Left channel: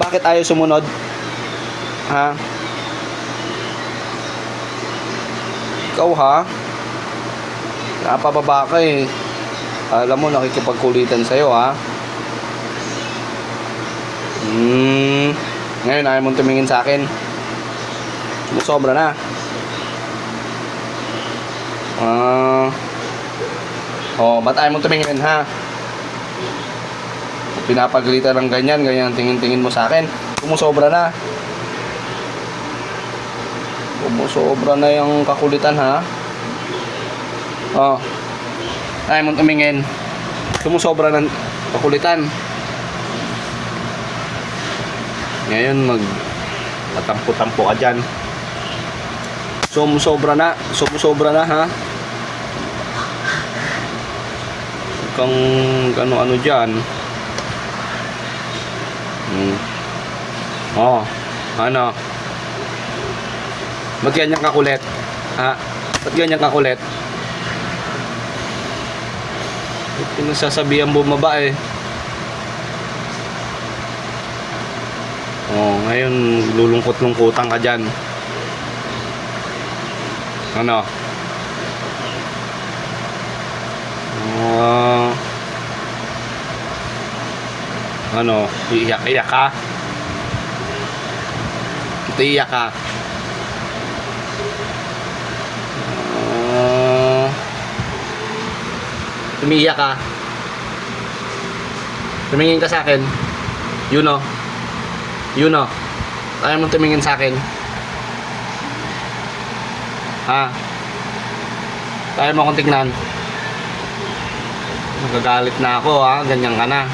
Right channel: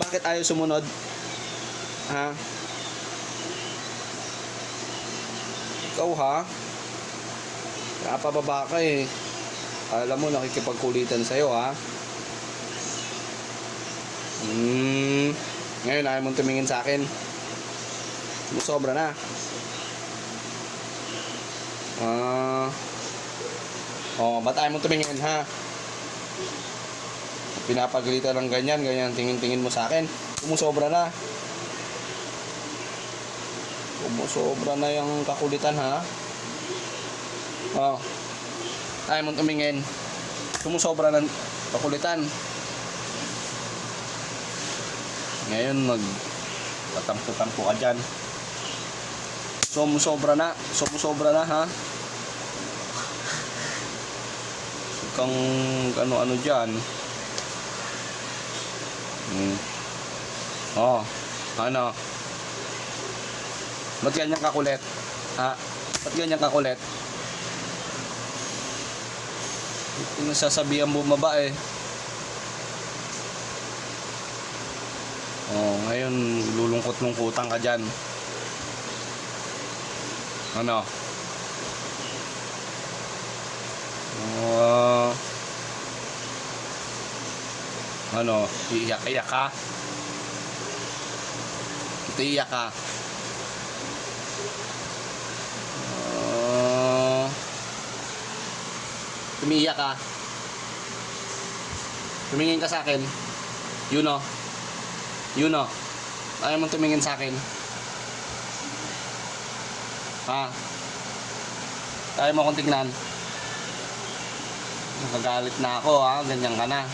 Bakit ayaw sumunod? Ha? Ikaw ha? Napababa ka eh. Alam mo, nakikipagkulitan sa'yo ha? Ngayon, ayaw mong tumingin sa akin. Sumusobra na. Ba't ayaw mong tumingin ha? Pinapagalitan ng ganyan tingin-tingin mo sa akin. Sumusobra na. Sumusobra na yung kakulitan ha. Ayaw mong tumingin. Sumusobra ng kakulitan. Ngayon matampo-tampo ka dyan. Sumusobra na ha. Kang ano dyan. Ano? Ba't ganyan kakulit? Ha? Ba't ganyan kakulit? Pinasasabihan bumaba eh. Ngayon lulungkot-lungkutan ka dyan. Ano? Ano? Iiyak ka? Iiyak ka? Umiiyak ka? Tumingin ka sa akin? Yun o. Ayaw mong tumingin sa akin? Ha? Ayaw mo akong tignan? Nagagalit na ako ha? Ganyan ka na.